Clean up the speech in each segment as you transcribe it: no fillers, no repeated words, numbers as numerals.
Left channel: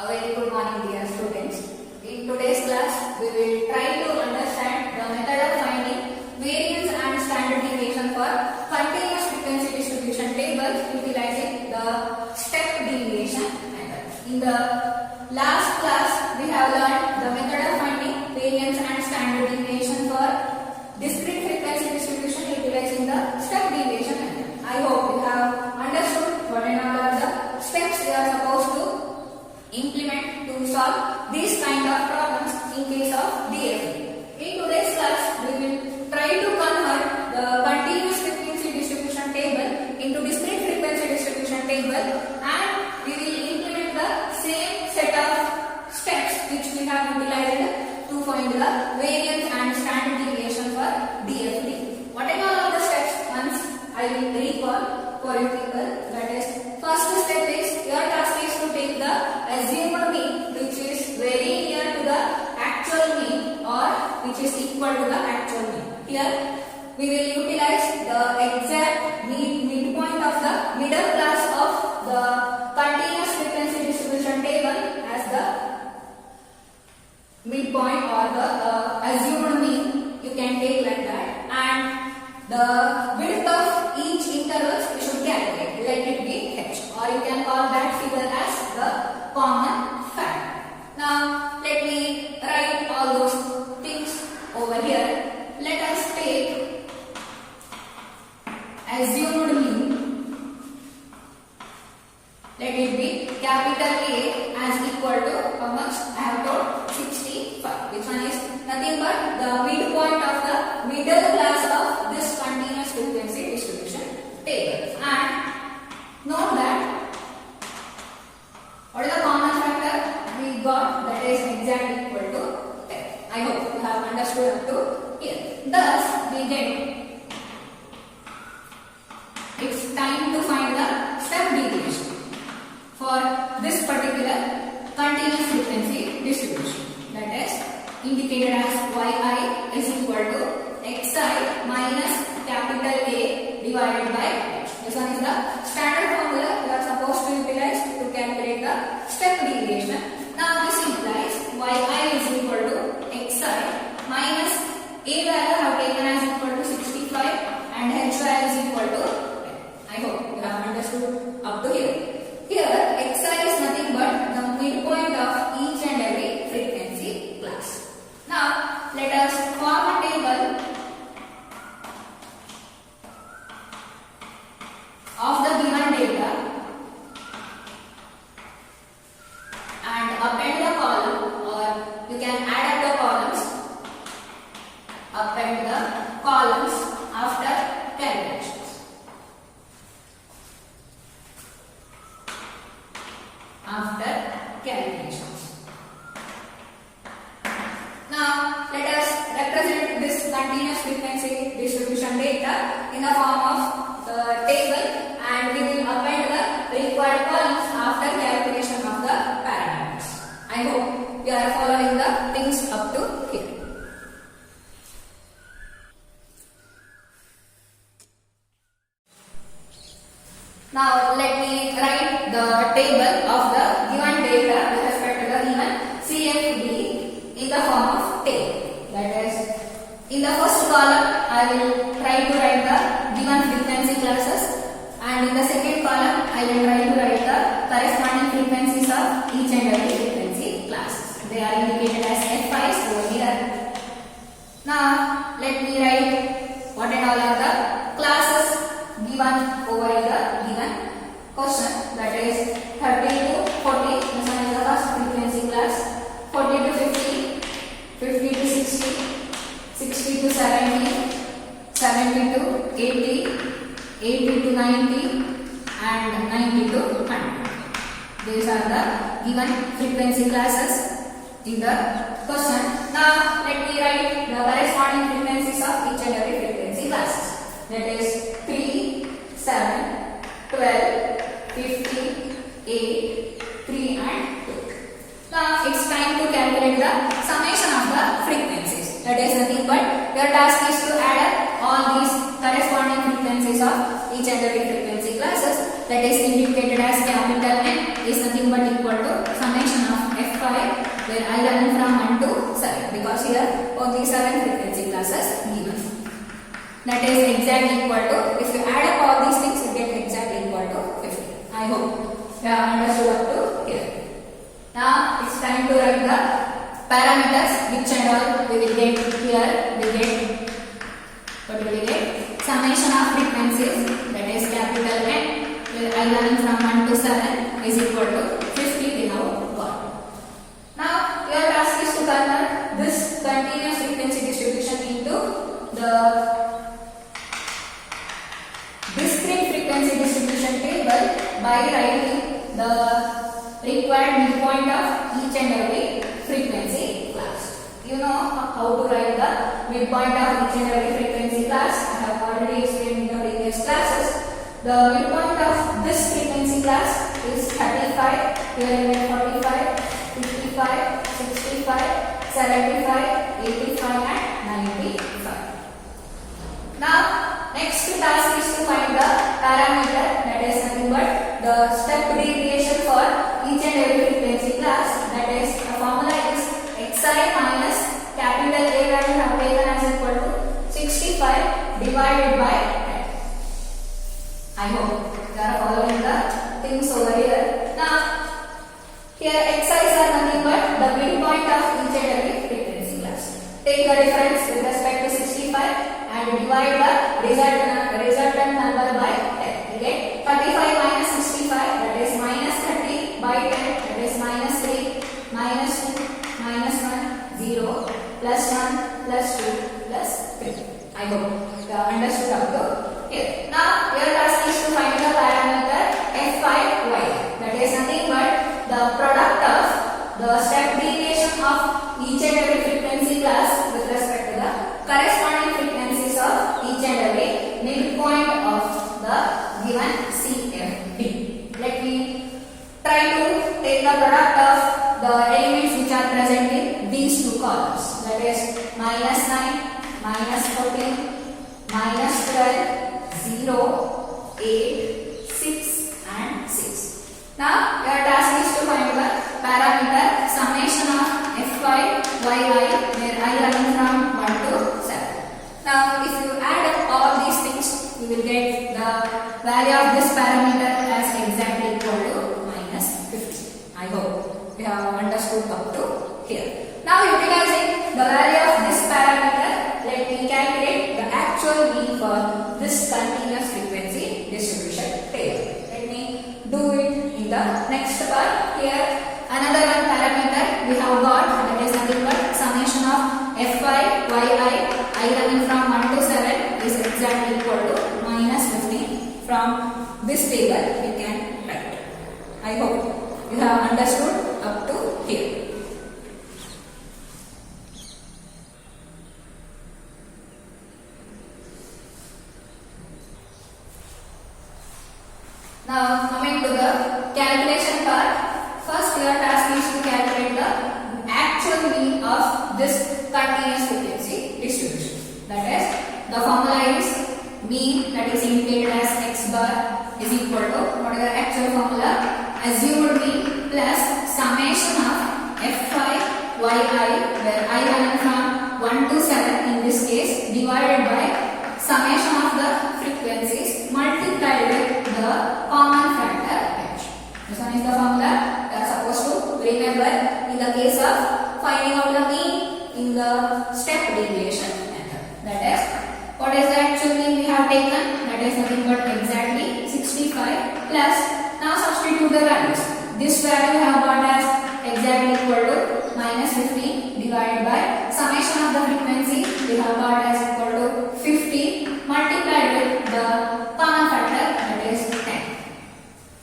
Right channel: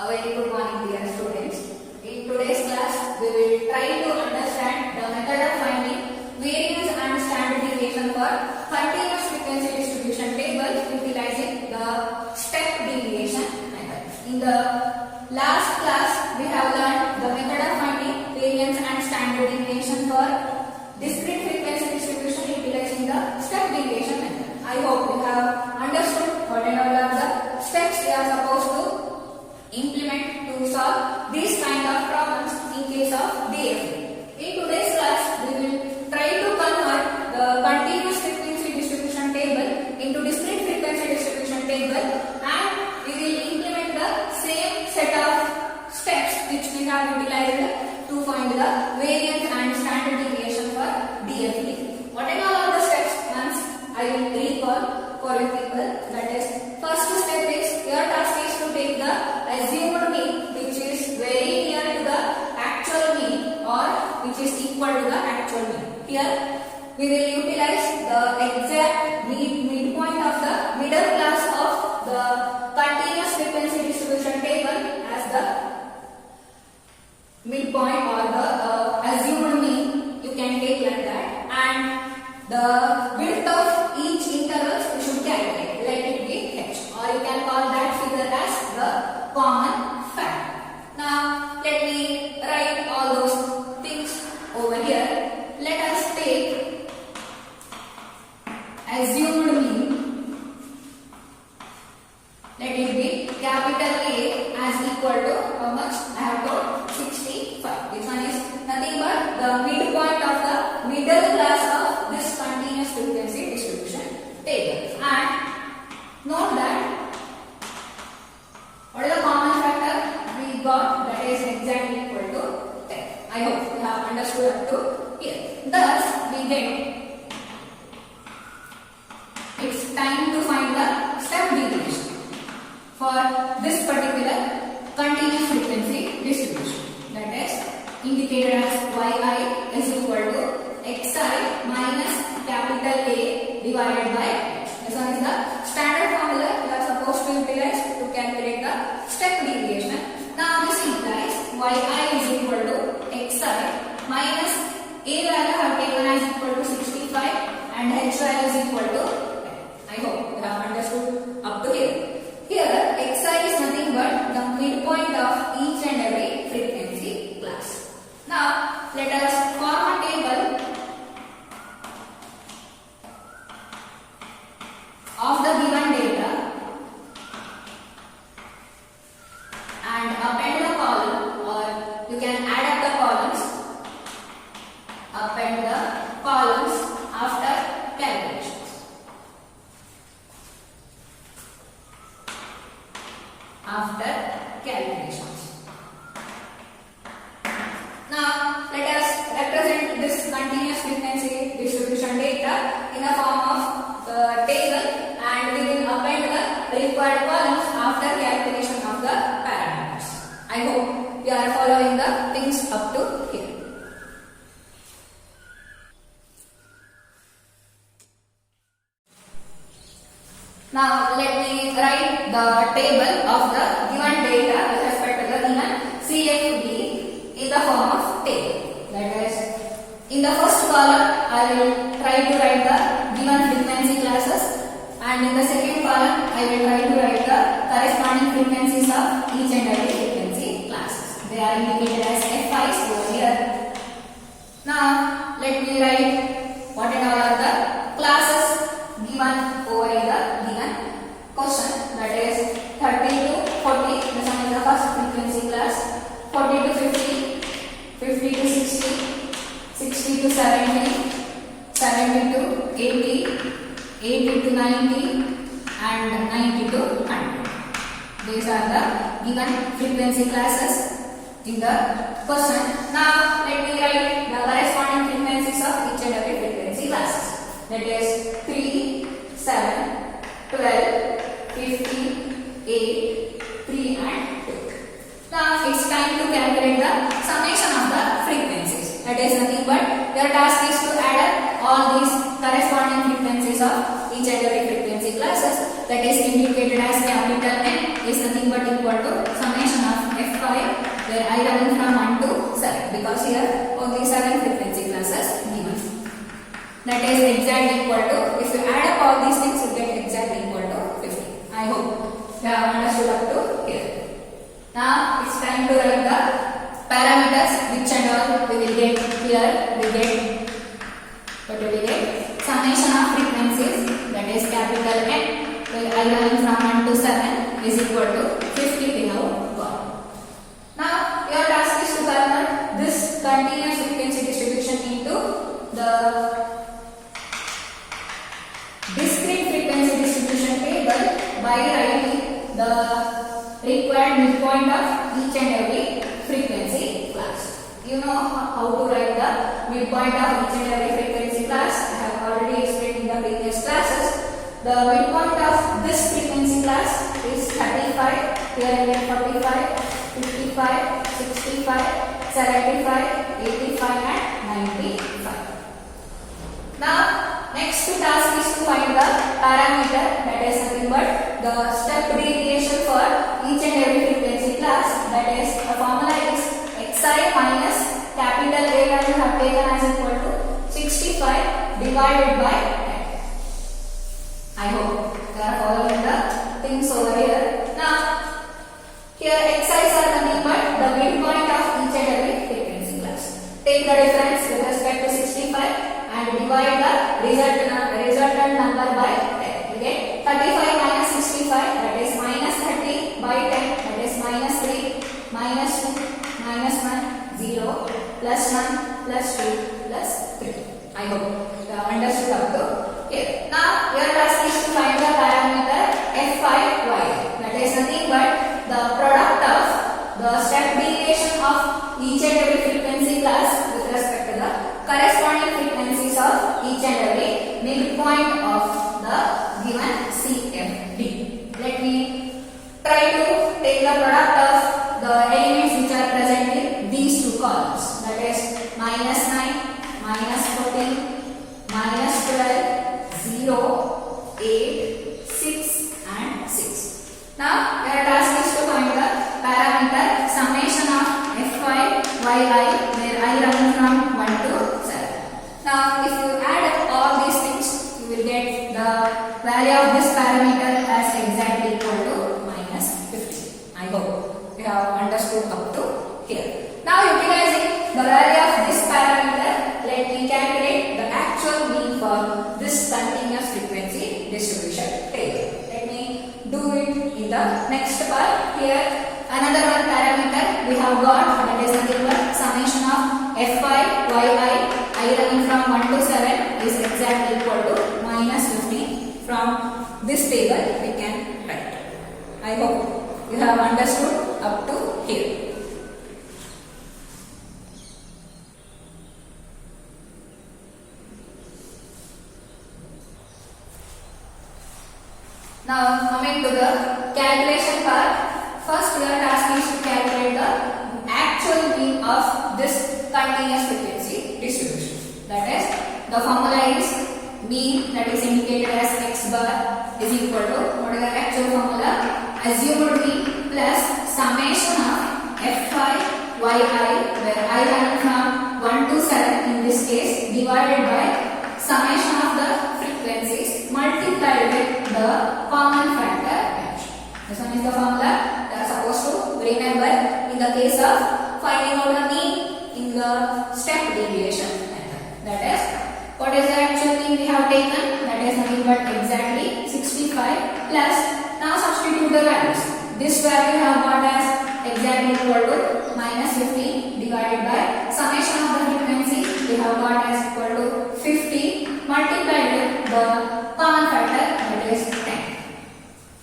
A very good morning, dear students. In today's class, we will try to understand the method of finding variance and standard deviation for continuous frequency distribution tables utilizing the step deviation method. In the last class, we have learned the method of finding variance and standard deviation for discrete frequency distribution utilizing the step deviation method. I hope you have understood what and all are the steps we are supposed to implement to solve these kind of problems in case of DFT. In today's class, we will try to convert the continuous frequency distribution table into discrete frequency distribution table, and we will implement the same set of steps which we have utilized to find the variance and standard deviation for DFT. What are the steps? Once I will recall for you people, that is, first step is your task is to take the assumed mean which is very near to the actual mean or which is equal to the actual mean. Here we will utilize the exact midpoint of the middle class of the continuous frequency distribution table as the midpoint or the assumed mean. You can take like that, and the width of each interval you should calculate. Let it be h, or you can call that figure as the common factor. Now let me write all those things over here. Let us take assumed mean. Let it be capital A as equal to how much? I have told 65. Which one is nothing but the midpoint of the middle class of this continuous frequency distribution table. And note that what is the common factor we got, that is exactly equal to 10. I hope you have understood up to here. Thus we get it's time to find the step deviation for this particular continuous frequency distribution, that is indicated as yi is equal to xi minus capital A divided by x. This one is the standard formula you are supposed to utilize to calculate the step deviation. Now this implies yi is equal to xi minus a value I have taken as equal to 65 and hi is equal to 10. I hope you have understood up to here. Here xi is nothing but the midpoint of each and every frequency class. Now let us form a table of the given data and append the column, or you can add up the columns, append the columns after calculations. After calculations. Now let us represent this continuous frequency distribution data in the form of the table, and we will append the required columns after calculation of the parameters. I hope you are following the things up to here. Now let me write the table of the given data with respect to the given CFD in the form of table. That is, in the first column I will try to write the given frequency classes, and in the second column I will try to write the corresponding frequencies of each and every frequency classes. They are indicated as FIs over here. Now let me write what and all are the classes given over the given question, that is 30 to 40, this one is the first frequency class, 40 to 50, 50 to 60, 60 to 70, 70 to 80, 80 to 90 and 90 to 100. These are the given frequency classes in the question. Now let me write the corresponding frequencies of each and every frequency classes. That is 3, 7, 12, 15, 8, 3 and 2. Now it's time to calculate the summation of the frequencies. That is nothing but your task is to add up all these corresponding frequencies of each and every frequency classes, that is indicated as capital N is nothing but equal to summation of F5 where I running from 1 to 7 because here only 7 frequency classes given. That is exactly equal to, if you add up all these things you get exactly equal to 50. I hope you have understood up to here. Now it's time to write the parameters which and all we will get here. What will we get? Summation of frequencies, that is capital N, where I running from 1 to 7 is equal to 50 we now got. Now your task is to convert this continuous frequency distribution into the discrete frequency distribution table by writing the required midpoint of each and every frequency class. You know how to write the midpoint of each and every frequency class. I have already explained in the previous classes. The midpoint of this frequency class is 35, here I get 45, 55, 65, 75, 85 and 95. Now next task is to find the parameter, that is nothing but the step deviation for each and every frequency class. That is, the formula is xi minus capital A value have taken as equal to 65 divided by 10. I hope you are following the things over here. Now here xi's are nothing but the midpoint of each and every frequency class. Take the difference with respect to 65 and divide the resultant number by 10. You get 35 minus 65, that is minus 30 by 10, that is minus 3, minus 2, minus 1, 0, plus 1, plus 2, plus 3. I hope you have understood up to here. Now your task is to find the parameter F5Y, that is nothing but the product of the step deviation of each and every frequency class with respect to the corresponding frequencies of each and every midpoint of the given CFD. Let me try to take the product of the elements which are present in these two columns. That is minus 9, minus 14, minus 12, 0, 8, 6 and 6. Now your task is to find the parameter summation of F5 Yi where I running from 1 to 7. Now if you add up all these things you will get the value of this parameter as exactly equal to minus 50. I hope you have understood up to here. Now utilizing the value of this parameter, let me calculate the actual mean for this continuous frequency distribution table. Let me do it in the next part. Here another one parameter we have got, that is nothing but summation of F5 Yi I running from 1 to 7 is exactly equal to minus 15. From this table we can write. I hope you have understood up to here. Now coming to the calculation part. First your task is to calculate the actual mean of this continuous frequency distribution. That is, the formula is mean, that is indicated as x bar, is equal to, what is the actual formula? Assumed mean plus summation of F5 Yi where I running from 1 to 7 in this case divided by summation of the frequencies multiplied with the common factor h. This one is the formula you are supposed to remember in the case of finding out the mean in the step deviation method. That is, what is the actual mean we have taken? That is nothing but exactly 65 plus, now substitute the values. This value we have got as exactly equal to minus 15 divided by summation of the frequency we have got as equal to 50 multiplied with the common factor, that is 10.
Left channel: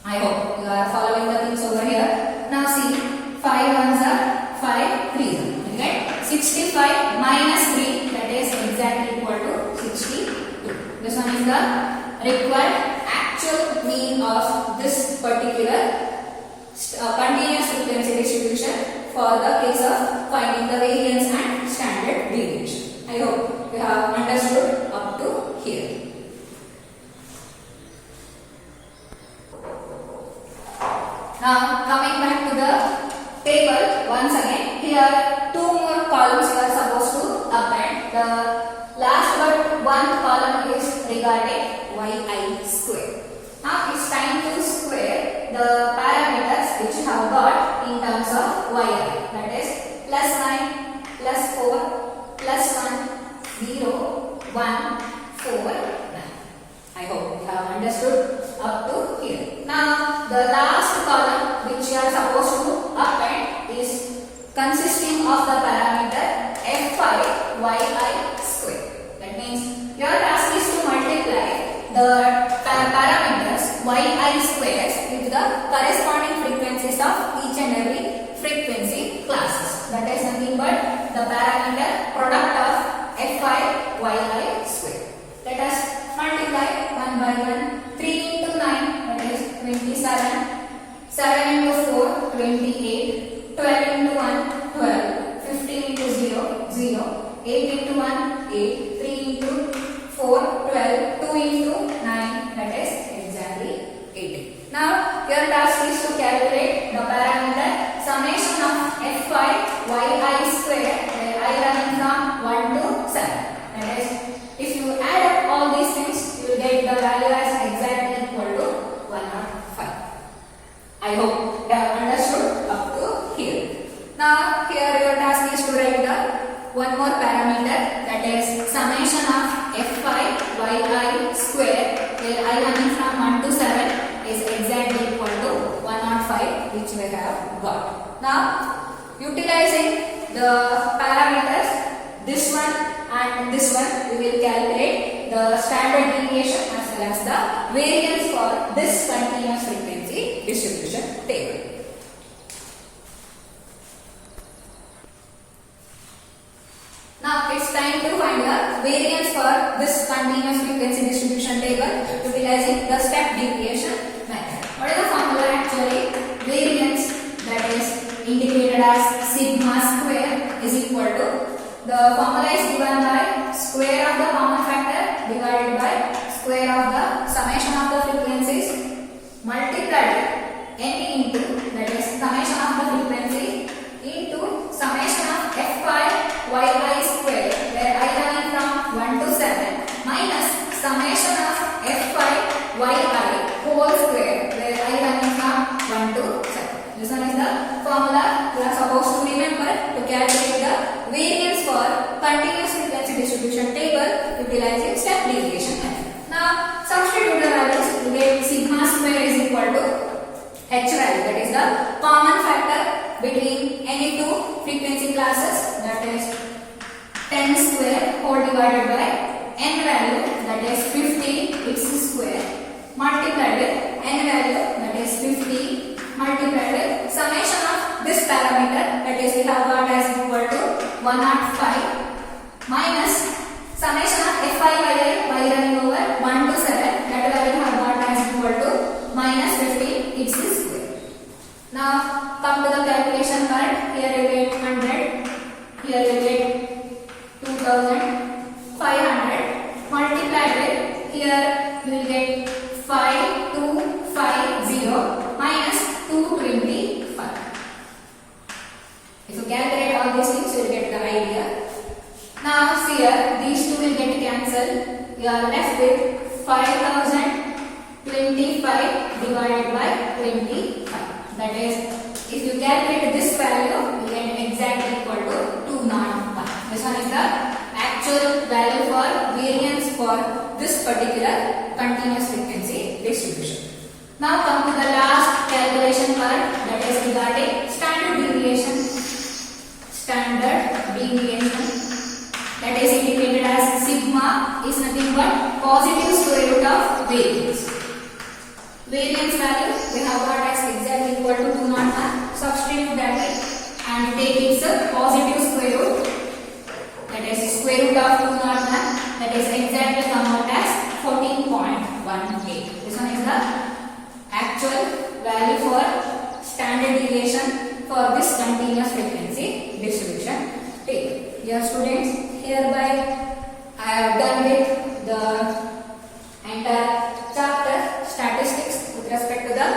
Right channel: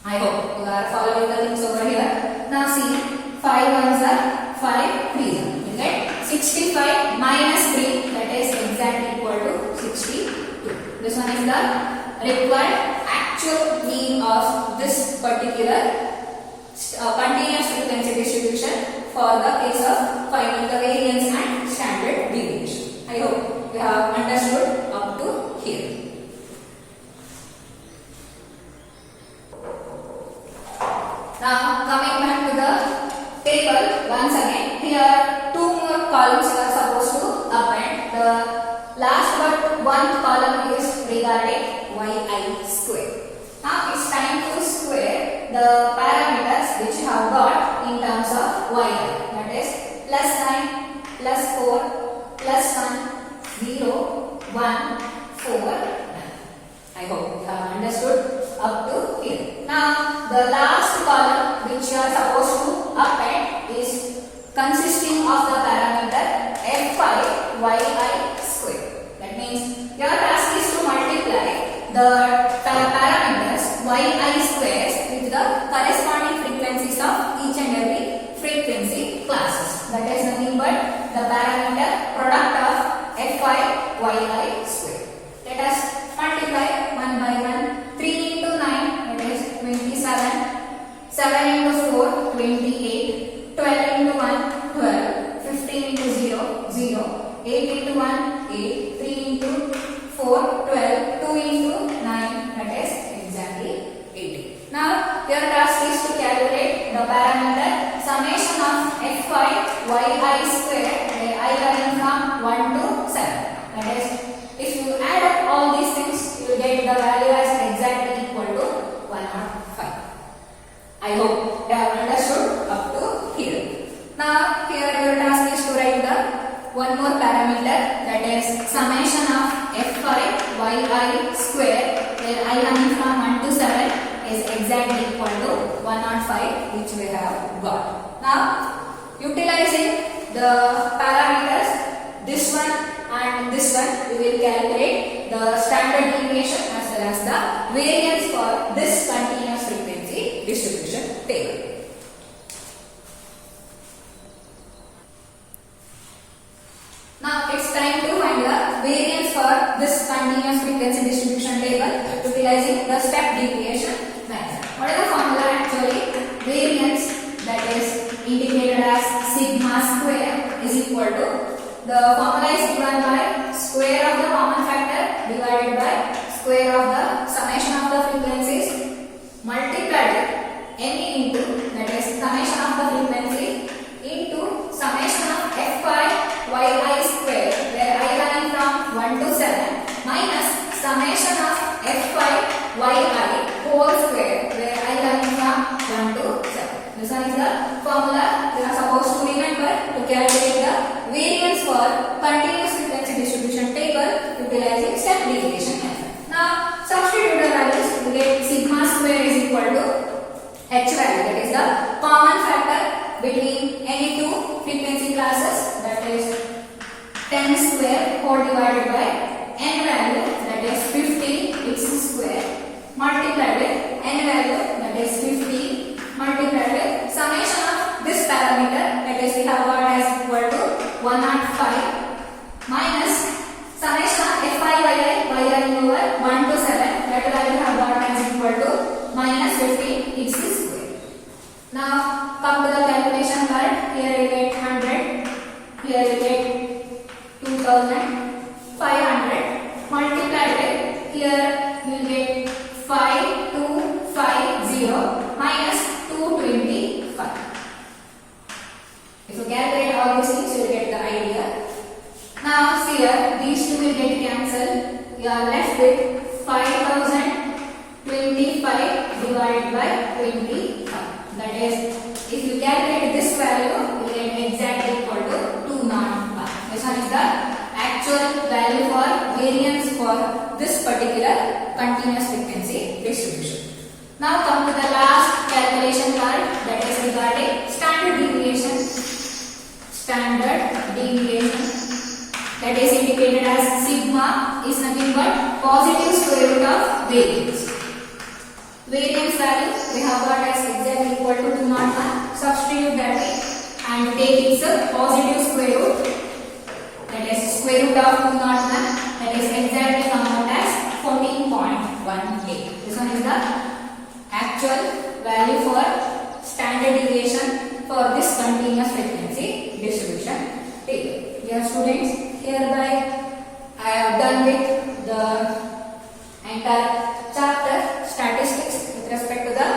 I hope you are following the things over here. Now see, 5 ones are 5 3s are, right? 65 minus 3, that is exactly equal to 62. This one is the required actual mean of this particular continuous frequency distribution for the case of finding the variance and standard deviation. I hope you have understood up to here. Now coming back to the table once again. Here two more columns you are supposed to append. The last but one column is regarding yi square. Now it's time to square the parameters which you have got in terms of yi. That is plus 9, plus 4, plus 1, 0, 1, 4, 9. I hope you have understood up to here. Now the last column which you are supposed to append is consisting of the parameter fi yi square. That means your task is to multiply the parameters yi squares with the corresponding frequencies of each and every frequency classes. That is nothing but the parameter product of fi yi square. Let us multiply one by one. 3 into 9, that is 27. 7 into 4, 28. 12 into 1, 12. 15 into 0, 0. 8 into 1, 8. 3 into 4, 12. 2 into 9, that is exactly 18. Now your task is to calculate the parameter summation of fi yi square, where I running from 1 to 7. That is, if you add up all these things, you will get the value as exactly equal to 105. I hope you have understood up to here. Now here your task is to write the one more parameter, that is summation of fi yi square, where I running from 1 to 7 is exactly equal to 105, which we have got. Now utilizing the parameters, this one and this one, we will calculate the standard deviation as well as the variance for this continuous frequency distribution table. Now it's time to find the variance for this continuous frequency distribution table utilizing the step deviation method. What is the formula actually? Variance, that is indicated as sigma square, is equal to, the formula is given by square of the common factor divided by square of the summation of the frequencies multiplied n into, that is summation of the frequency, into summation of fi yi square, where I running from 1 to 7, minus summation of fi yi whole square, where I running from 1 to 7. This one is the formula you are supposed to remember to calculate the variance for continuous frequency distribution table utilizing step deviation method. Now substitute the values to get sigma square is equal to h value, that is the common factor between any two frequency classes, that is 10 square whole divided by n value, that is 50 its square, multiplied with n value, that is 50, multiplied with summation of this parameter, that is we have got as equal to 105, minus summation of fi yi running over 1 to 7, that value have got as equal to minus 50 its square. Now come to the calculation part. Here you get 100, here you get 2500, multiplied with, here you will get 5250 minus 225. If you calculate all these things, you will get the idea. Now see here, these two will get cancelled. You are left with 5025 divided by 25. That is, if you calculate this value, you will get exactly equal to 201. This one is the actual value for variance for this particular continuous frequency distribution. Now come to the last calculation part, that is regarding standard deviation. Standard deviation, that is indicated as sigma, is nothing but positive square root of variance. Variance value we have got as exactly equal to 201. Substitute that and take its positive square root, that is square root of 201, that is exactly come out as 14.18. This one is the actual value for standard deviation for this continuous frequency distribution table. Dear students, hereby I have done with the entire chapter statistics with respect to the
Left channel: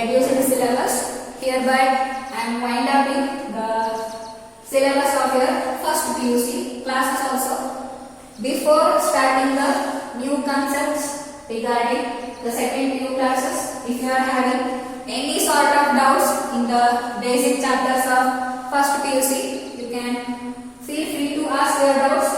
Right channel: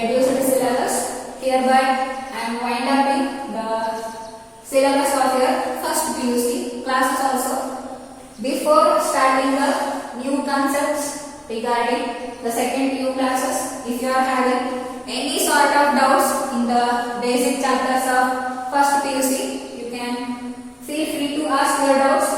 reduced syllabus. Hereby I am winding the syllabus of your first PUC classes also. Before starting the new concepts regarding the second PU classes, if you are having any sort of doubts in the basic chapters of first PUC, you can feel free to ask your doubts